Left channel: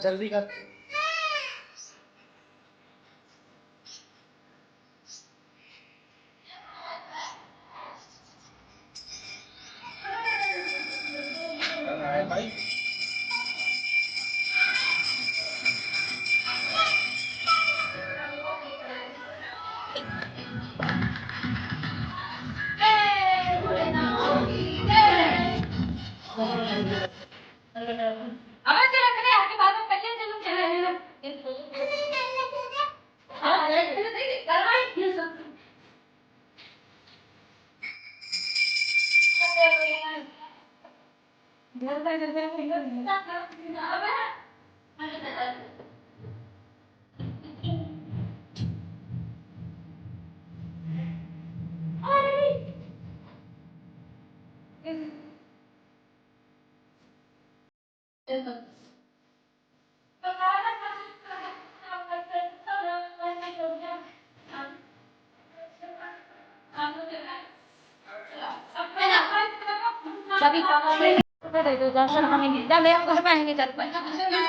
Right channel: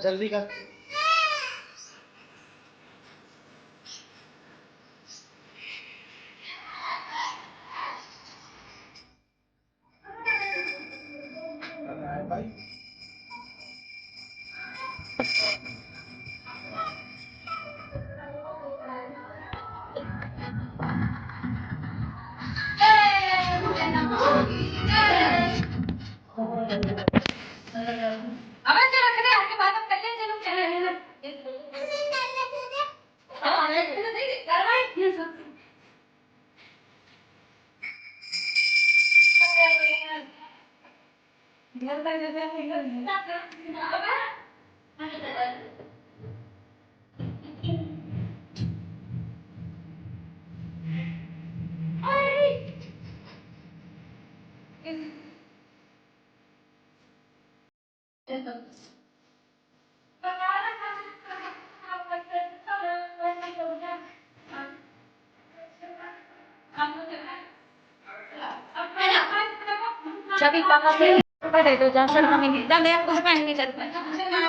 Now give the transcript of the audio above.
जल्दी कर। भाई अब चलो चले आके बात अब कर ले चलो चले हाँ करवाई ये सब घर तक जैसे अबे Sabi pa kasi, dito dyan siya naman hindi. Dali ako sa pahingi sa